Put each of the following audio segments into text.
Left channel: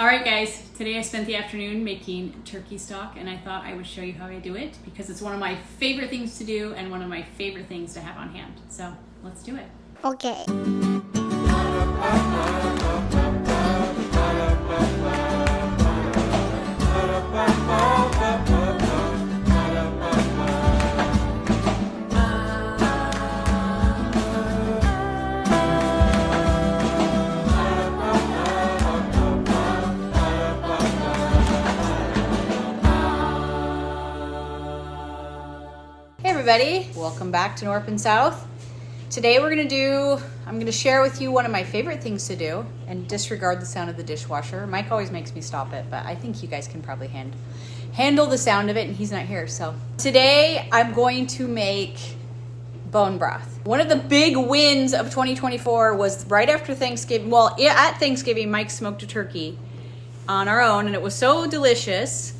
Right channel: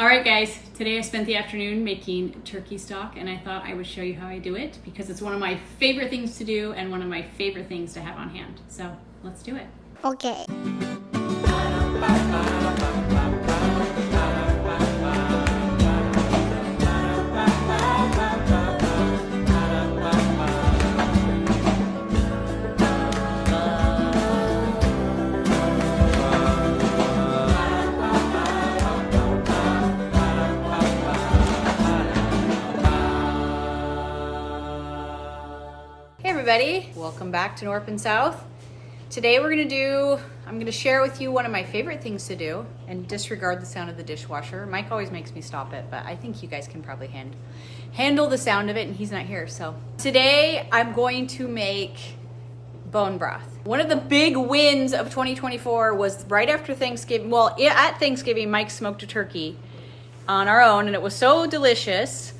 All right, guys, today I spent the afternoon making turkey stock, and I thought I would show you how I do it because it's one of my favorite things to do and one of my favorite things to have on hand. So let's do it. Okay. Hey everybody, welcome back to North and South. Today I'm gonna share with you one of my favorite things to do and disregard the sound of the dishwasher. Mike always makes me stop it, but I think you guys can probably handle the sound of it, and he's not here. So today I'm going to make bone broth. One of the big wins of 2024 was right after Thanksgiving. Well, at Thanksgiving, Mike smoked a turkey on our own, and it was so delicious.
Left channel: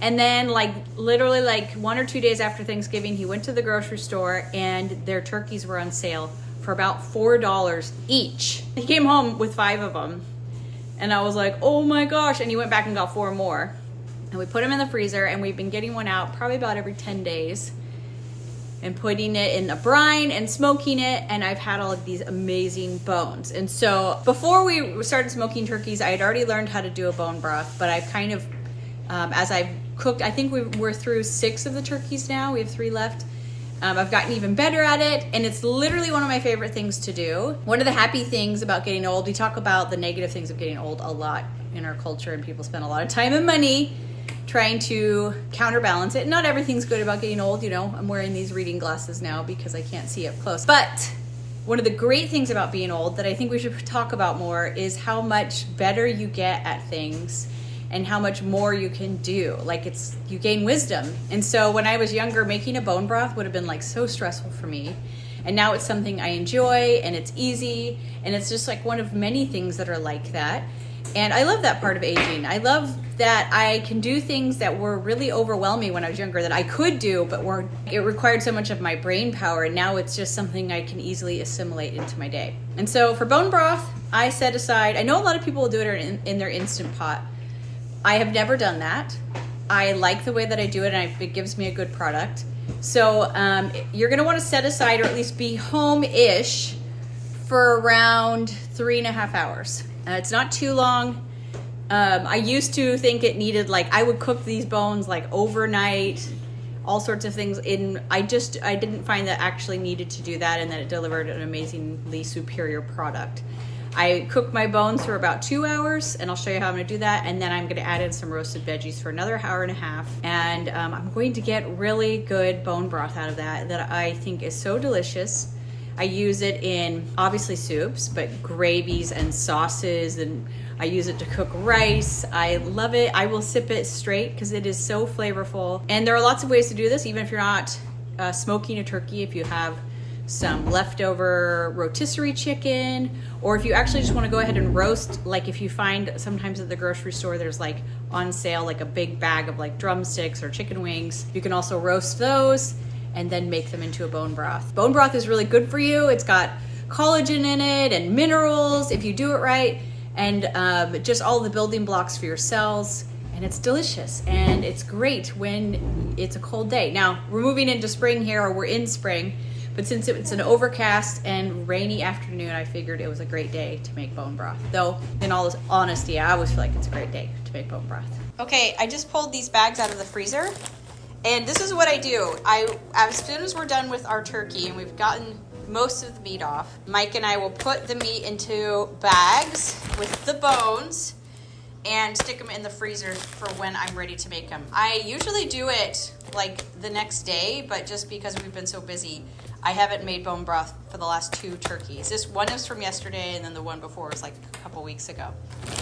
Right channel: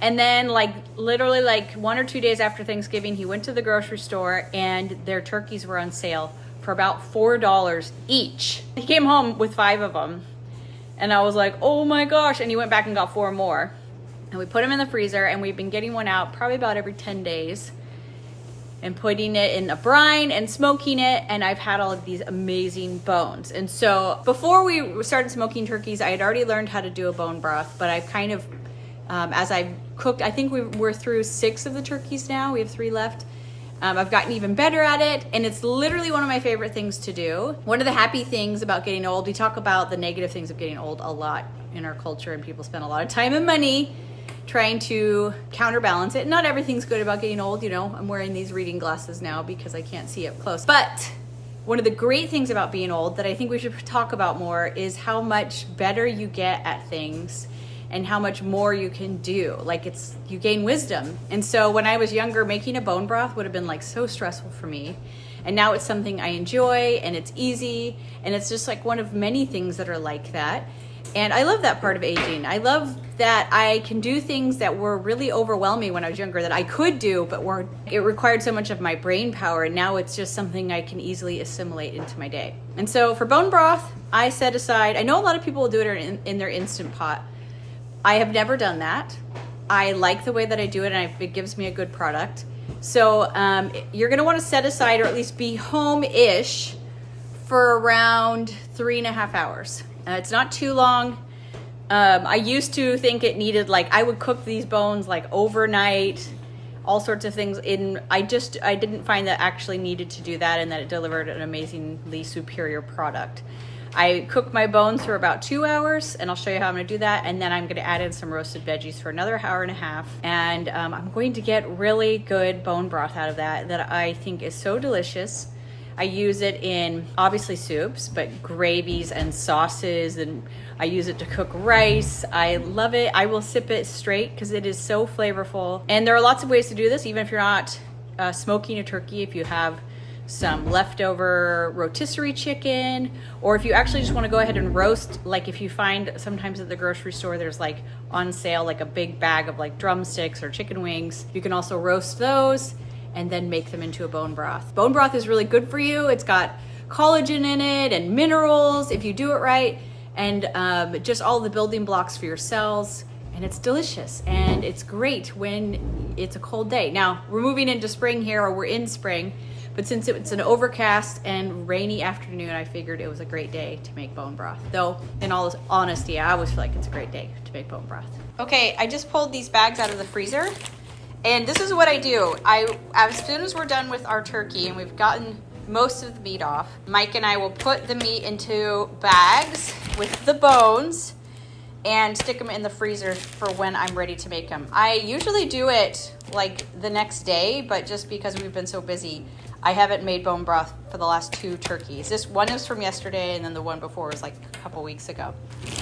And then literally 1 or 2 days after Thanksgiving, he went to the grocery store and their turkeys were on sale for about $4 each. He came home with 5 of them and I was like, oh my gosh. And he went back and got 4 more and we put them in the freezer, and we've been getting one out probably about every 10 days and putting it in a brine and smoking it. And I've had all of these amazing bones. And so before we started smoking turkeys, I had already learned how to do a bone broth, but I've kind of, as I've cooked, I think we're through 6 of the turkeys now. We have 3 left. I've gotten even better at it, and it's literally one of my favorite things to do. One of the happy things about getting old, we talk about the negative things of getting old a lot in our culture, and people spend a lot of time and money trying to counterbalance it. Not everything's good about getting old, you know. I'm wearing these reading glasses now because I can't see up close. But one of the great things about being old that I think we should talk about more is how much better you get at things and how much more you can do. You gain wisdom. And so when I was younger, making a bone broth would have been so stressful for me. And now it's something I enjoy, and it's easy, and it's just one of many things that are like that. And I love that part of aging. I love that I can do things that were really overwhelming when I was younger that I could do, but it required so much of my brain power. And now it's just something I can easily assimilate into my day. And so for bone broth, I set aside, I know a lot of people will do it in their Instant Pot. I have never done that. I like the way that I do it, and it gives me a good product. So you're gonna wanna set aside, or at least be home-ish, for around 3.5 hours. It's not too long. I used to think it needed, I would cook these bones overnight, all sorts of things. I didn't find that actually needed to do that, and that it delivered an amazingly superior product. I cook my bones for about 2 hours, and I'll show you how I'm gonna do that. And then I'm gonna add in some roasted veggies for another 1.5 hours. And I'm going to get really good bone broth out of that I think is so delicious. I use it in, obviously, soups, but gravies and sauces, and I use it to cook rice. I love it. I will sip it straight because it is so flavorful. And there are lots of ways to do this, even if you're not smoking a turkey. If you have some leftover rotisserie chicken, or if you actually just want to go ahead and roast, if you find sometimes at the grocery store there's on sale a big bag of drumsticks or chicken wings, you can also roast those and then make them into a bone broth. Bone broth is really good for you. It's got collagen in it and minerals if you do it right, and just all the building blocks for your cells. And it's delicious, and it's great when it's a cold day. Now we're moving into spring here, or we're in spring, but since it's an overcast and rainy afternoon, I figured it was a great day to make bone broth. Though, in all honesty, I always feel like it's a great day to make bone broth. Okay, I just pulled these bags out of the freezer, and this is what I do. As soon as we're done with our turkey and we've gotten most of the meat off, Mike and I will put the meat into bags with the bones and stick them in the freezer for when I'm ready to make them. I usually do it the next day, but just because we've been so busy, I haven't made bone broth for the last 2 turkeys. This one is from yesterday, and then the one before was a couple weeks ago.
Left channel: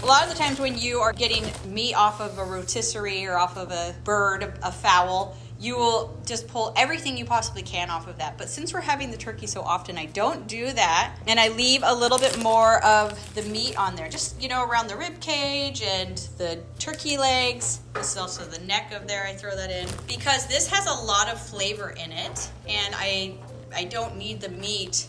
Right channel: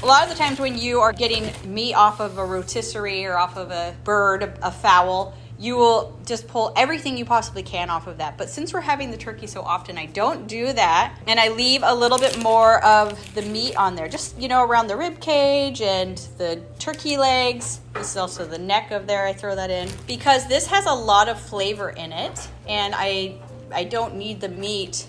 A lot of the times when you are getting meat off of a rotisserie or off of a bird, a fowl, you will just pull everything you possibly can off of that. But since we're having the turkey so often, I don't do that. And I leave a little bit more of the meat on there, just, around the rib cage and the turkey legs. This is also the neck of there. I throw that in because this has a lot of flavor in it. And I don't need the meat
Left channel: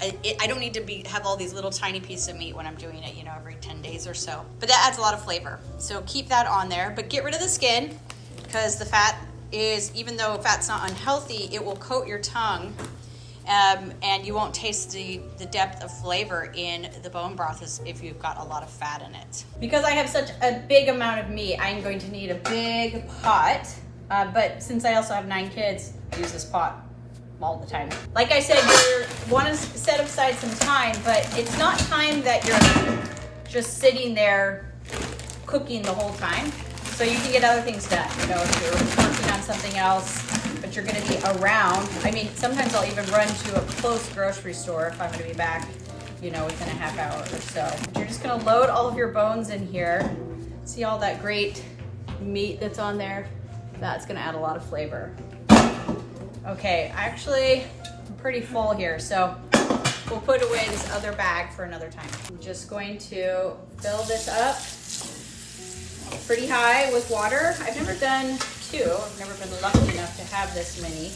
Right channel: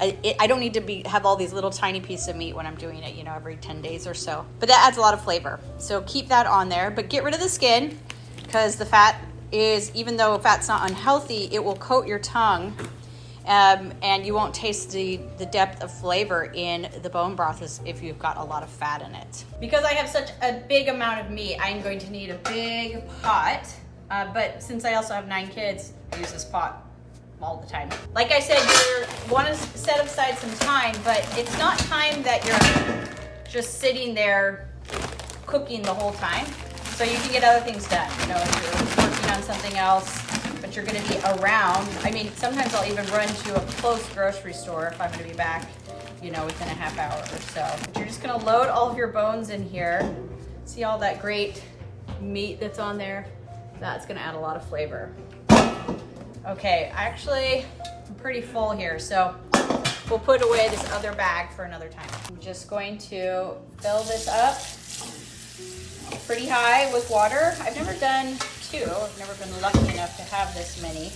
I don't need to have all these little tiny pieces of meat when I'm doing it, you know, every 10 days or so. But that adds a lot of flavor. So keep that on there, but get rid of the skin because the fat is, even though fat's not unhealthy, it will coat your tongue. And you won't taste the depth of flavor in the bone broth as if you've got a lot of fat in it. Because I have such a big amount of meat, I'm going to need a big pot. But since I also have 9 kids, I use this pot all the time. Like I said, you want to set aside some time, but it's not time that you're just sitting there cooking the whole time. So you can get other things done. You know, if you're working on something else, but you're going to be around. I mean, sometimes I'll even run to a close grocery store if I'm going to be back, you know, within a half hour or so. But you're just going to load all of your bones in here. See all that great meat that's on there? That's going to add a lot of flavor. Okay, actually, I'm pretty full here, so we'll put away this other bag for another time. I'm just going to fill this up pretty high with water. I've never done 2. I've never been lucky enough to have this many,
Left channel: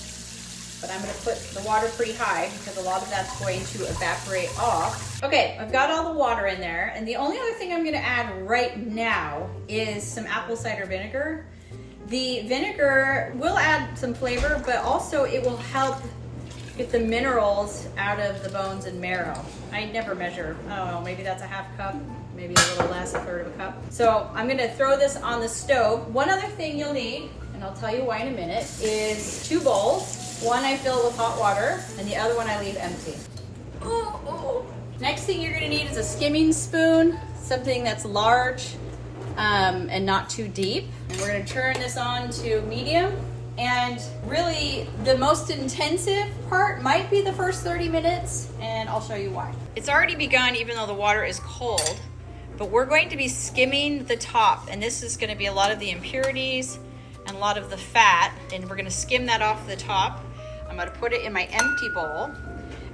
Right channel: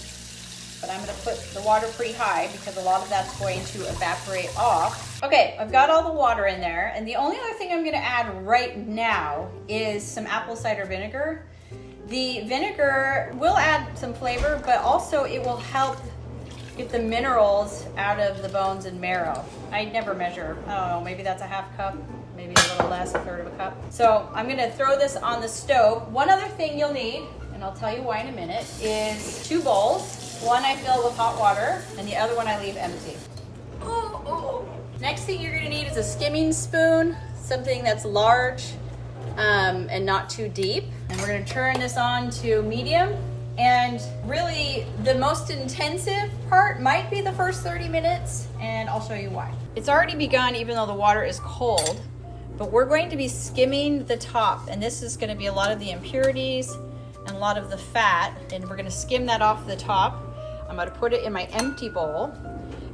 but I'm going to put the water pretty high because a lot of that's going to evaporate off. Okay, I've got all the water in there, and the only other thing I'm going to add right now is some apple cider vinegar. The vinegar will add some flavor, but also it will help get the minerals out of the bones and marrow. I never measure. I don't know, maybe that's a half cup, maybe a little less, a third of a cup. So I'm gonna throw this on the stove. One other thing you'll need, and I'll tell you why in a minute, is 2 bowls. One I fill with hot water, and the other one I leave empty. Next thing you're gonna need is a skimming spoon, something that's large and not too deep. And we're gonna turn this on to medium. And really, the most intensive part might be the first 30 minutes, and I'll show you why. It's already begun, even though the water is cold, but we're going to be skimming the top, and this is gonna be a lot of the impurities and a lot of the fat, and we're gonna skim that off the top. I'm gonna put it in my empty bowl,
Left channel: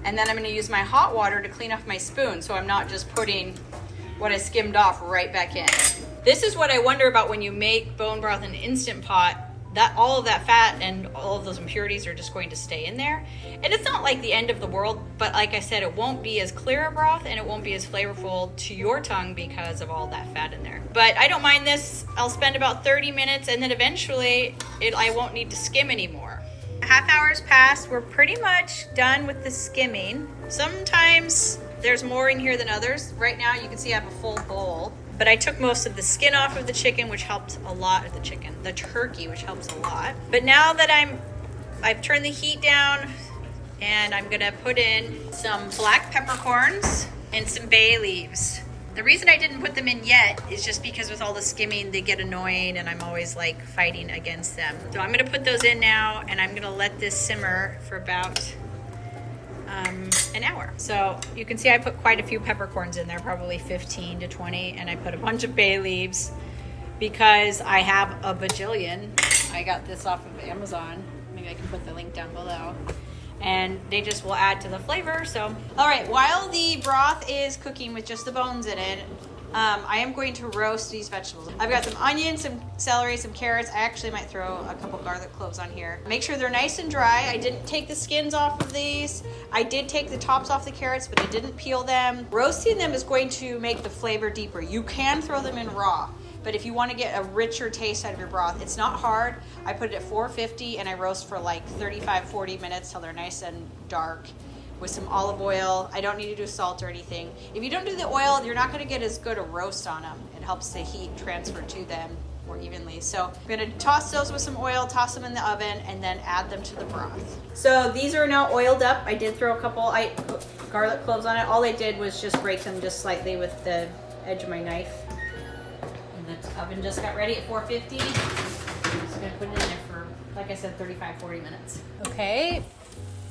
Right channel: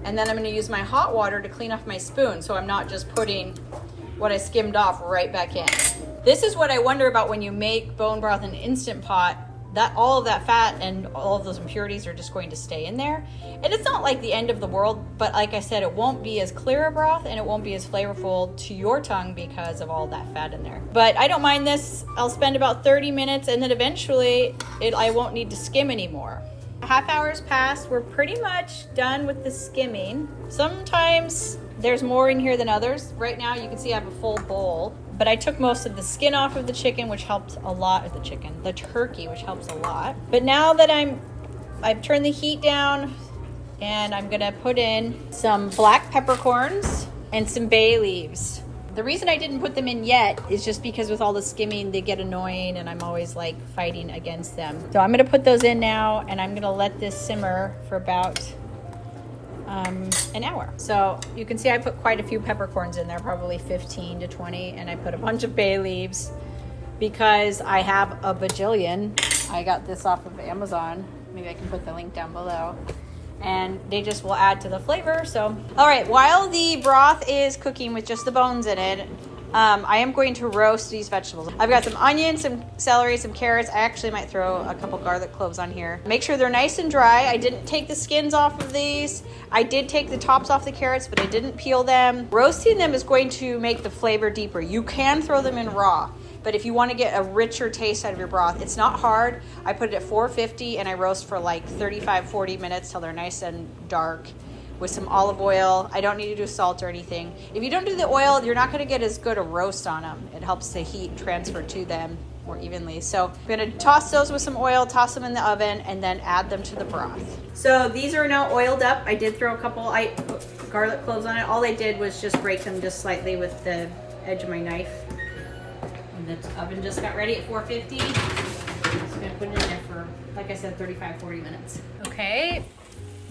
and then I'm gonna use my hot water to clean off my spoon, so I'm not just putting what I skimmed off right back in. This is what I wonder about when you make bone broth in an Instant Pot, that all of that fat and all of those impurities are just going to stay in there. And it's not like the end of the world, but like I said, it won't be as clear a broth and it won't be as flavorful to your tongue because of all that fat in there. But I don't mind this. I'll spend about 30 minutes and then eventually I won't need to skim anymore. Half hour's passed. We're pretty much done with the skimming. Sometimes there's more in here than others. Right now you can see I have a full bowl. But I took most of the skin off of the chicken, which helps a lot of the turkey, which helps a lot. But now that I've turned the heat down and I'm gonna put in some black peppercorns and some bay leaves. The reason I didn't put them in yet is just because with all the skimming, they get annoying and I'm always like fighting against them. So I'm gonna put those in now and I'm gonna let this simmer for about an hour. So you can see I put quite a few peppercorns in there, probably 15 to 20, and I put a bunch of bay leaves because I have a bajillion. I got this off of Amazon. Maybe I can put the link down below. And they just will add to the flavor. So, all right, while the broth is cooking with just the bones in it, I am going to roast these vegetables. I've got some onions, some celery, some carrots. I actually might throw a couple garlic cloves on here. Make sure they're nice and dry. I didn't take the skins off of these. I did take the tops off the carrots, but I didn't peel them. Roasting them is going to make the flavor deeper. You can throw them in raw, but if you want to get a richer taste out of your broth, it's not hard. I put it at 450 and I roast for like 35-40 minutes till they're nice and dark with some olive oil. I don't need to do salt or anything. If you don't do the oil, you're not going to get as good a roast on them. It helps the heat transfer to them more evenly. So I'm going to toss those with some oil, toss them in the oven, and then add them to the broth. So these are now oiled up. I did throw a couple garlic cloves on it. All I did was just break them just slightly with the edge of my knife. And the oven just got ready at 450. So I'm going to put it in there for, like I said, 35-40 minutes. Okay,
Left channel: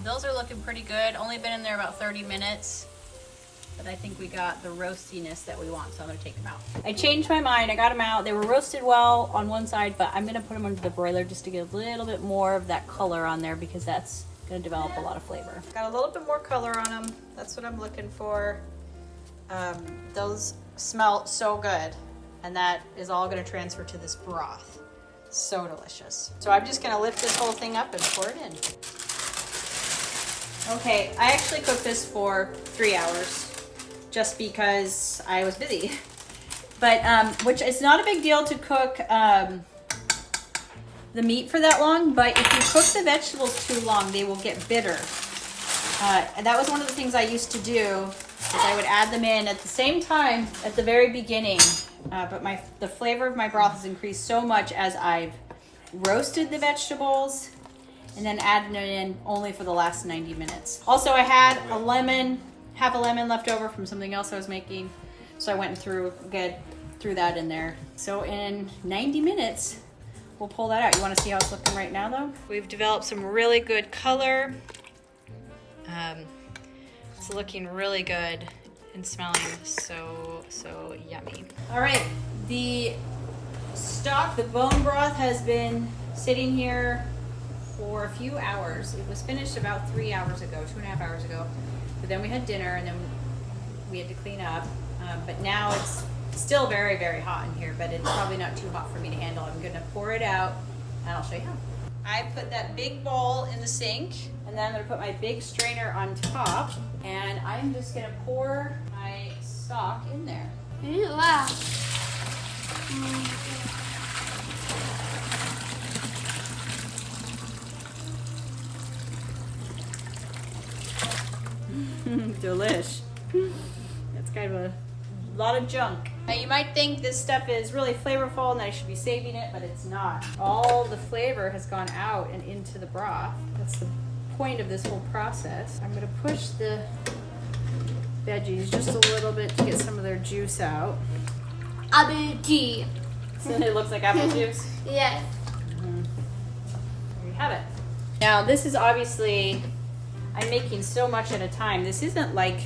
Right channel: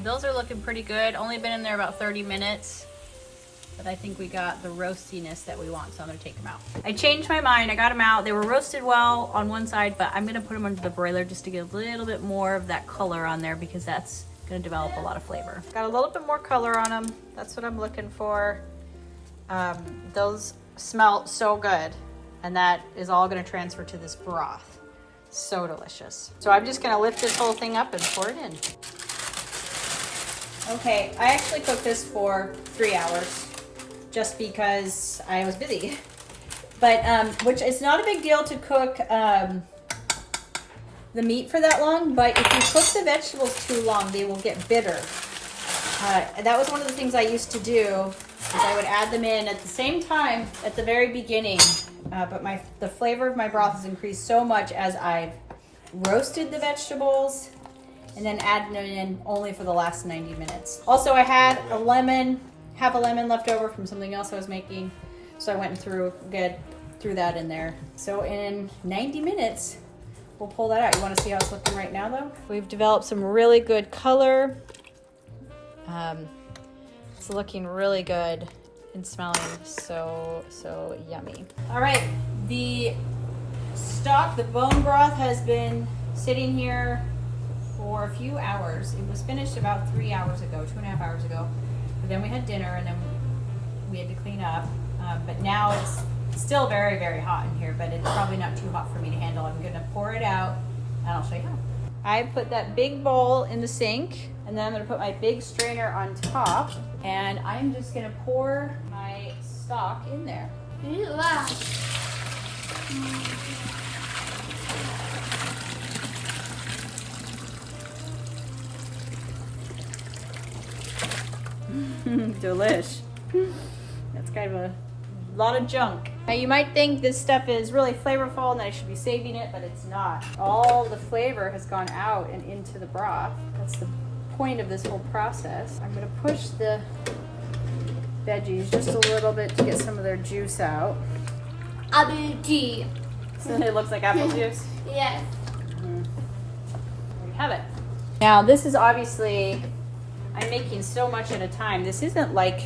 those are looking pretty good. Only been in there about 30 minutes. But I think we got the roastiness that we want, so I'm gonna take them out. I changed my mind, I got them out. They were roasted well on one side, but I'm gonna put them under the broiler just to get a little bit more of that color on there because that's gonna develop a lot of flavor. Got a little bit more color on them. That's what I'm looking for. Those smell so good. And that is all gonna transfer to this broth. So delicious. So I'm just gonna lift this whole thing up and pour it in. Okay, I actually cooked this for 3 hours just because I was busy. But, which is not a big deal to cook the meat for that long, but if you cook the vegetables too long, they will get bitter. And that was one of the things I used to do, is I would add them in at the same time at the very beginning. But the flavor of my broth has increased so much as I've roasted the vegetables and then added them in only for the last 90 minutes. Also, I had half a lemon left over from something else I was making. So I went through that in there. So in 90 minutes, we'll pull that out. You want to see how it's looking right now though? We've developed some really good color. It's looking really good and smelling so yummy. All right, the stock, the bone broth has been sitting here for a few hours. It was finished about 3 hours ago, 2.5 hours ago. But then we had dinner and then we had to clean up. But now it's still very, very hot in here, but it's probably not too hot for me to handle. I'm gonna pour it out and I'll show you how. I put that big bowl in the sink and then I'm gonna put my big strainer on top and I'm just gonna pour my stock in there. Wow. Delish. That's kind of a lot of junk. Now you might think this stuff is really flavorful and I should be saving it, but it's not. All the flavor has gone out and into the broth. That's the point of this whole process. I'm gonna push the veggies just a little bit to get some of their juice out. Apple tea. So it looks like apple juice. Yes. There you have it. Now this is obviously, I'm making so much at a time. This isn't like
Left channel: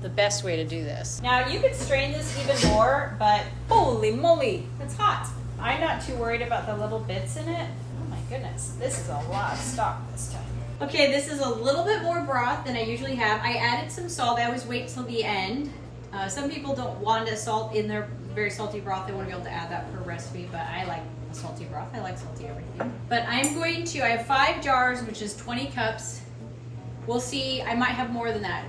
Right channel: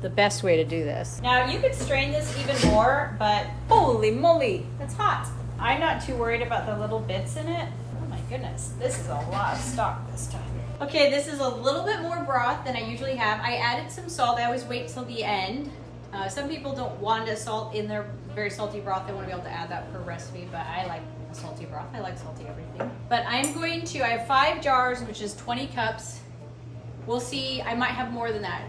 the best way to do this. Now you could strain this even more, but holy moly, it's hot. I'm not too worried about the little bits in it. Oh my goodness, this is a lot of stock this time. Okay, this is a little bit more broth than I usually have. I added some salt. I always wait till the end. Some people don't want a salt in their very salty broth. They want to be able to add that per recipe, but I like a salty broth. I like salty everything. But I'm going to, I have 5 jars, which is 20 cups. We'll see, I might have more than that.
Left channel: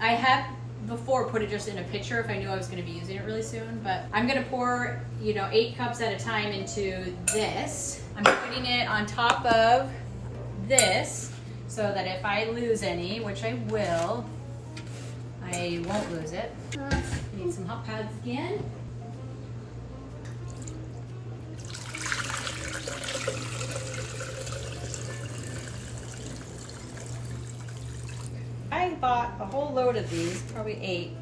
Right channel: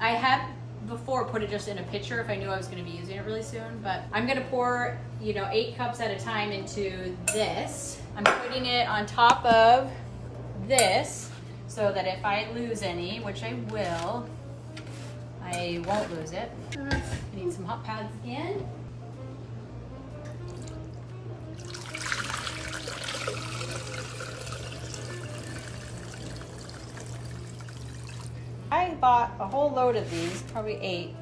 I have before put it just in a pitcher if I knew I was gonna be using it really soon, but I'm gonna pour, 8 cups at a time into this. I'm putting it on top of this so that if I lose any, which I will, I won't lose it. Need some hot pads again. I bought a whole load of these, probably 8.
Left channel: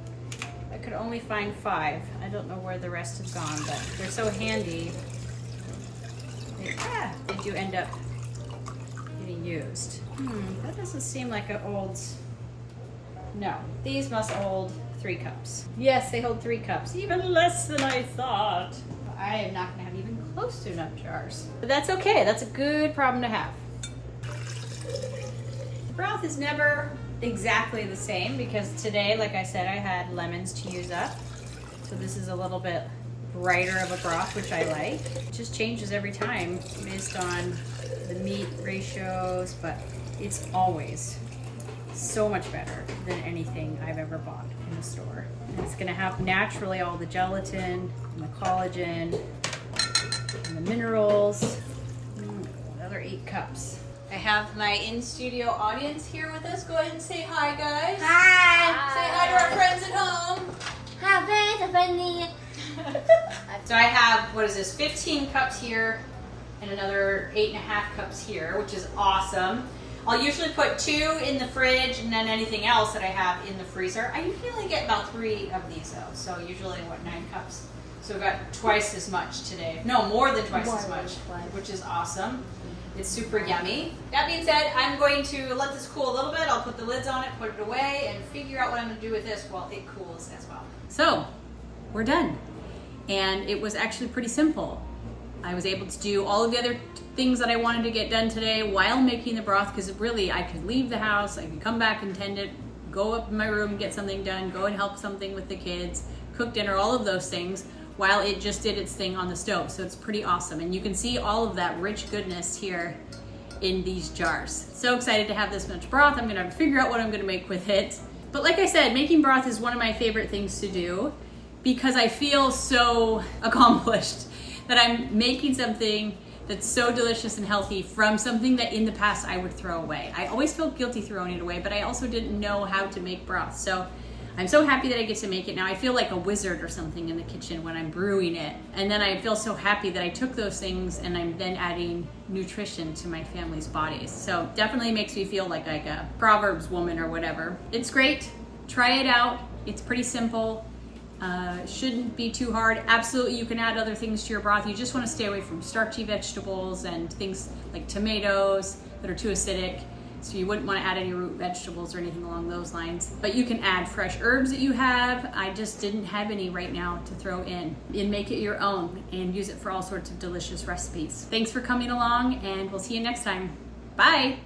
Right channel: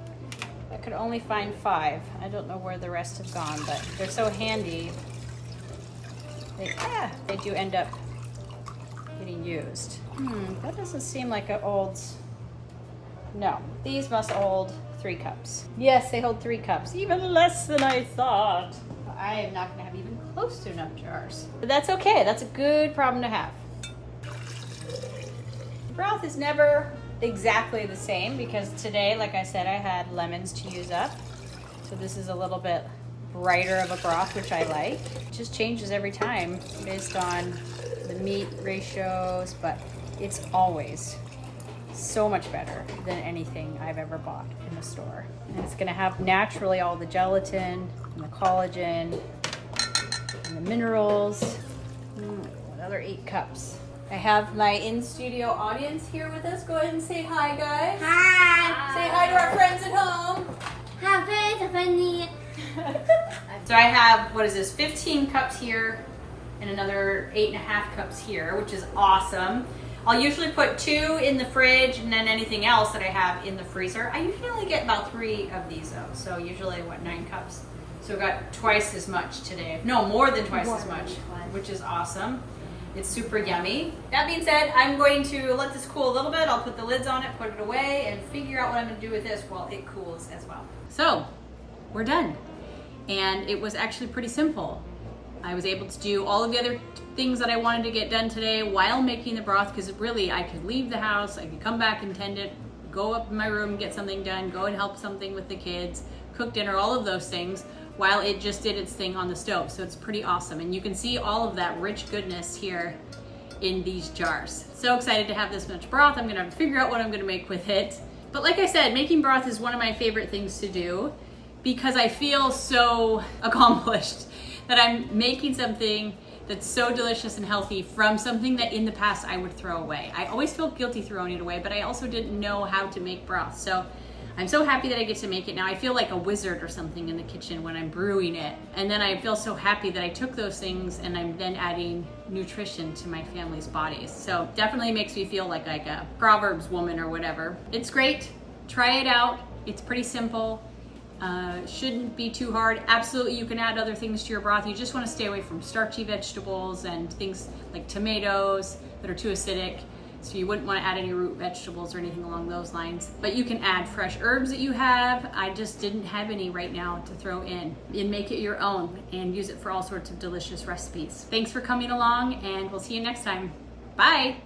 I could only find 5. I don't know where the rest have gone, but they're so handy. They do end up getting used. That doesn't seem like an old... No, these must hold 3 cups. Yes, they hold 3 cups, even less than I thought. I am not gonna have even close to enough jars. But that's okay, that's a good problem to have. The broth is never exactly the same because today, like I said, I had lemons to use up. So this is a little bit brighter of a broth, which I like. It just changes every time based on the meat ratios, but it's always so much better than anything I've ever bought in the store. And it's gonna have naturally all the gelatin and the collagen and the minerals. Another 8 cups. I have my in-studio audience here with us. Go ahead and say hi, guys. Hi. Say hi to our friends at home. Hi, funny. So I have, 15 cups here and another 8.5 cups here, which is awesome. I'll usually put 2 in the fridge and then anything else that I have in the freezer. I usually only get about 3 of these though. So usually 9 cups. So I've got twice as much today. No, more than twice as much, which is awesome. It's super yummy. That being said, I'm going to let this cool a little bit. I'll put the lids on it, put it away, and figure out what I'm gonna do with this while it cools as well. So, we're done. And it was actually pretty simple. I was able to do all of the other things that I wanted to get done today while making the broth, because really I could leave the house, I could come back and tend it, go up in my room and get something done, go and help something with the kids, cook dinner, all of those things, while it just did its thing on the stove. So it's pretty awesome. And you can see all of that rich goodness here in these jars. So excited to have this much broth. I'm gonna have to figure out what I'm gonna make with it. But like I said, making broth is one of my favorite things to do because I feel so accomplished that I'm making something that's so delicious and healthy from something that in the past I would throw away. I always felt guilty throwing it away, but I also didn't know how to make broth. So I'm so happy that I get to make it now. I feel like a wizard or something in the kitchen when I'm brewing it. And then I feel so happy that I took those things and I'm then adding nutrition to my family's bodies. So definitely makes me feel like a Proverbs woman or whatever. It's great. Try it out. It's pretty simple. Shouldn't be too hard. Absolutely, you can add other things to your broth. You just want to stay away from starchy vegetables and things like tomatoes that are too acidic. So you wouldn't want to add any root vegetables or anything along those lines. But you can add fresh herbs that you have. I just didn't have any right now to throw in. And make it your own and use it for all sorts of delicious recipes. Thanks for coming along, and we'll see you next time. Bye.